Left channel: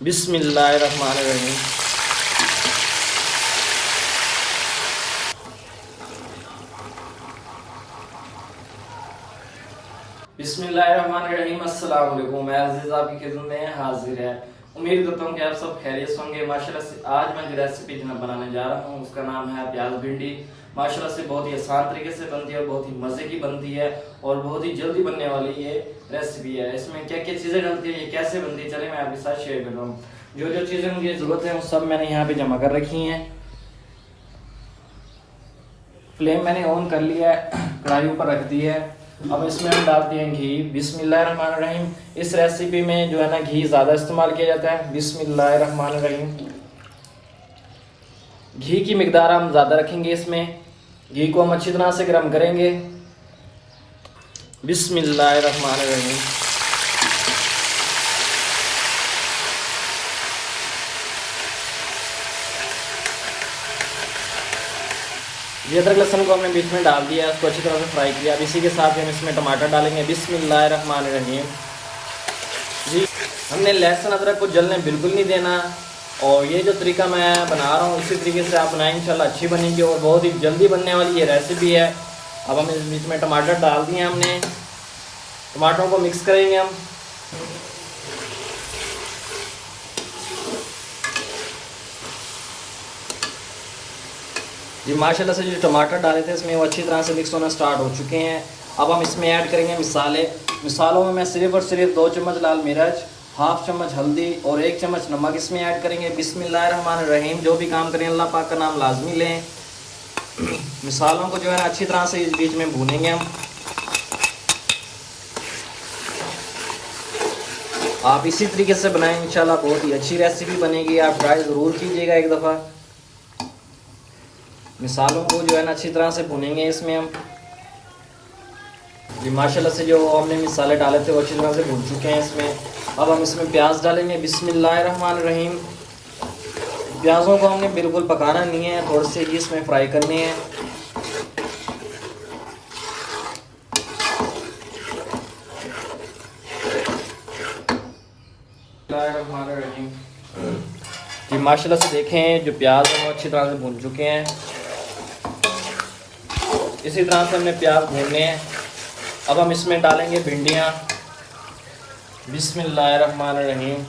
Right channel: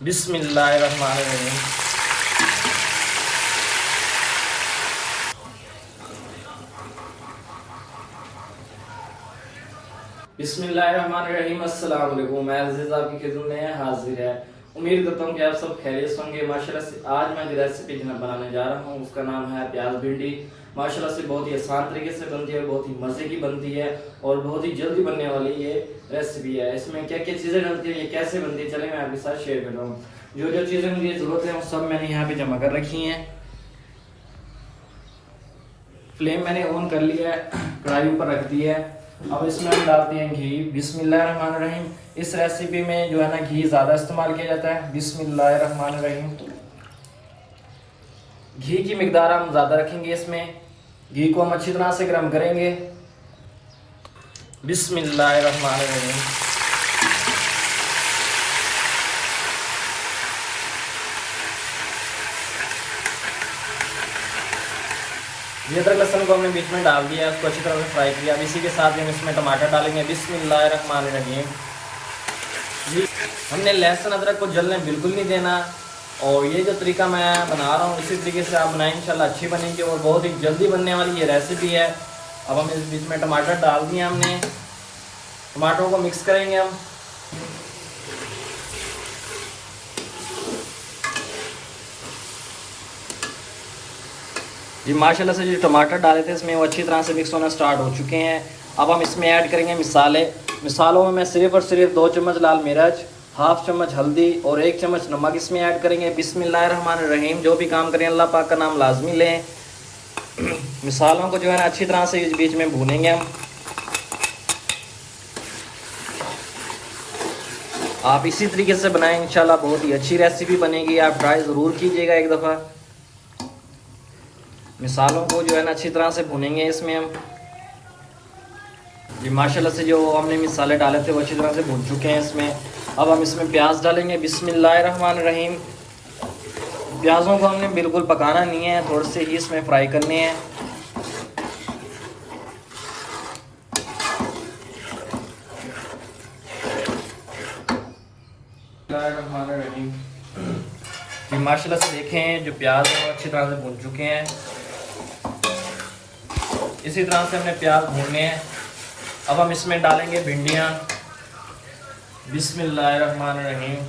बिस्मिल्लाहिर्रहमानिर्रहीम। बिस्मिल्लाहिर्रहमानिर्रहीम। अस्सलाम वालेकुम। मैं अज़ीज़ आपकी खिदमत में हाजिर है। उम्मीद करता हूँ कि आप सब खैरियत होंगे। माशाल्लाह से आज मैं जो रेसिपी बनाने जा रहा हूँ उसका नाम है प्याज भिंडी। माशाल्लाह से बहुत ही आसान तरीके से बनती है, बहुत ही मज़े की बनती है और बहुत ही जल्दी बनने वाली ये रेसिपी है। इसमें क्या क्या चीज़ें डलती है, ये कैसे बनती है, चले मैं आपके साथ शेयर कर रहा हूँ। जो जो चीज़ें मुझे ज़रूरत है वो सब मैंने यहाँ पे जमा कर रखी हैं। फ्लेम मैंने ऑन कर लिया है, कढ़ाई ऊपर रख दी है। अब इसमें हम डालते हैं घी। बिस्मिल्लाहिर्रहमानिर्रहीम। इस रेसिपी में जो है ना घी ज़्यादा इस्तेमाल किया जाता है। बिस्मिल्लाहिर्रहमानिर्रहीम। घी की मिकदार हम ज़्यादा रखेंगे। इसमें घी को हम अच्छी तरह से गर्म करेंगे। बिस्मिल्लाहिर्रहमानिर्रहीम। ये अदरक लहसुन को हमने बीच में डाल दिया, उसको अच्छी तरह से फ्राई किया। अब इसी के साथ हम इसमें टमाटर डालेंगे। बिस्मिल्लाहिर्रहमानिर्रहीम। जी, हमने लहसुन अदरक को जलने बिल्कुल नहीं देना और ये जो तरीका मैं बना रहा हूँ उसी तरीके से आप बनाएं, इंशाल्लाह अच्छी बनेगी और बहुत ही जल्दी बनने वाली ये रेसिपी है। अब हम इस बीच में टमाटर डाल दिए हमने, टमाटरों को मिक्स करेंगे हम। जी माशाल्लाह से जो टमाटर डाले थे इसमें वो अच्छी तरह से मिक्स होना स्टार्ट हो चुके हैं। अब हम इसमें ऐड करेंगे मिसाले। मिसालों में मैं सिर्फ और सिर्फ 2 चम्मच लाल मिर्च, हाफ चम्मच हल्दी और 1 चम्मच नमक इसमें ऐड करेंगे। बिस्मिल्लाहिर्रहमानिर्रहीम। जो भी काम करें अल्लाह पाक का नाम लाजमी लें। मिसालों को जो है ना अच्छी तरह से इस बीच में भूनेंगे हम। आप इसी तरीके से बनाएं, इंशाल्लाह बहुत ही अच्छी रेसिपी बनेगी। आप ट्राई ज़रूर कीजिएगा एक दफ़ा। मिसालों को जो है ना अच्छी तरह से भुनेंगे इसमें हम। जी माशाल्लाह से जो हमने मिसाले डाले थे वो अच्छी तरह से भून चुके हैं इसमें। अब हम इसमें प्याज डालेंगे। बिस्मिल्लाहिर्रहमानिर्रहीम। प्याज़ों को हमने बिल्कुल पकाना नहीं है, थोड़े से ही इसमें फ्राई करने हैं। जी माशाल्लाह से देखें जो प्याज हैं वो अच्छी तरह से भून चुके हैं। इसी तरह से हमने प्याज भूनने हैं। अब हम इसमें डालेंगे भिंडियाँ। बिस्मिल्लाहिर्रहमानिर्रहीम।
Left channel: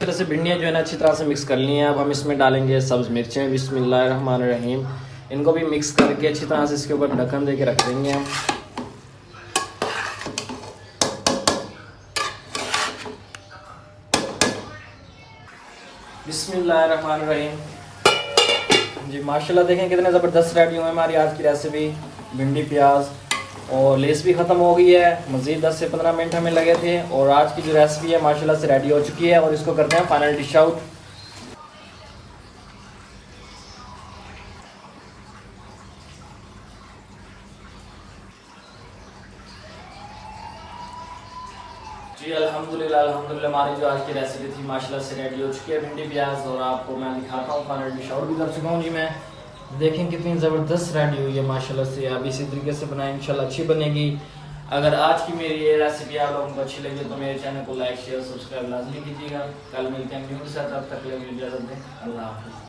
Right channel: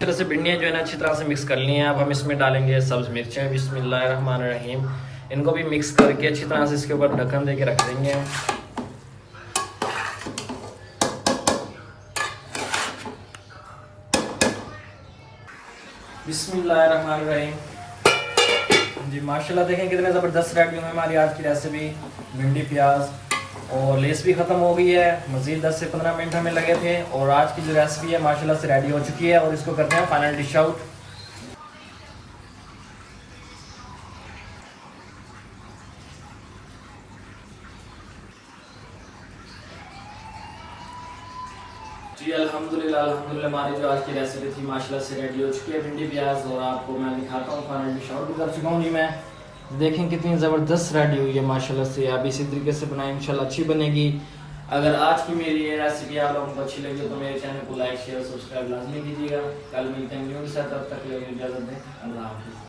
तरह से भिंडियाँ जो है ना अच्छी तरह से मिक्स कर ली हैं। अब हम इसमें डालेंगे सब्ज़ मिर्चें। बिस्मिल्लाहिर्रहमानिर्रहीम। इनको भी मिक्स करके अच्छी तरह से इसके ऊपर ढक्कन दे के रख देंगे हम। बिस्मिल्लाहिर्रहमानिर्रहीम। जी माशाल्लाह देखें कितने ज़बरदस्त रेडी हुए हमारी आज की रेसिपी भिंडी प्याज। और लेस भी ख़त्म हो गई है, मज़ीद 10 से 15 मिनट हमें लगे थे और आज की जो रेसिपी है माशाल्लाह से रेडी हो चुकी है। और इसको करते हैं फाइनल डिश आउट। जी अल्हम्दुलिल्लाह अल्हम्दुलिल्लाह हमारी जो आज की रेसिपी थी माशाल्लाह से रेडी हो चुकी है भिंडी प्याज। और आपको मैं दिखाता हूँ फाइनल डिश आउट भी कर चुका हूँ। जी मैं देखें कितनी ज़बरदस्त रेडी हुई है माशाल्लाह से। आप इसी तरीके से बनाएं, इंशाल्लाह अच्छी बनेगी। अगर आज की मेरी ये रेसिपी आप लोगों को अच्छी लगी तो मेरे चैनल को लाइक शेयर सब्सक्राइब लाजमी कीजिएगा। कल मिलते हैं न्यू के साथ, तब तक के लिए इजाज़त दें। अल्लाह हाफ़िज़।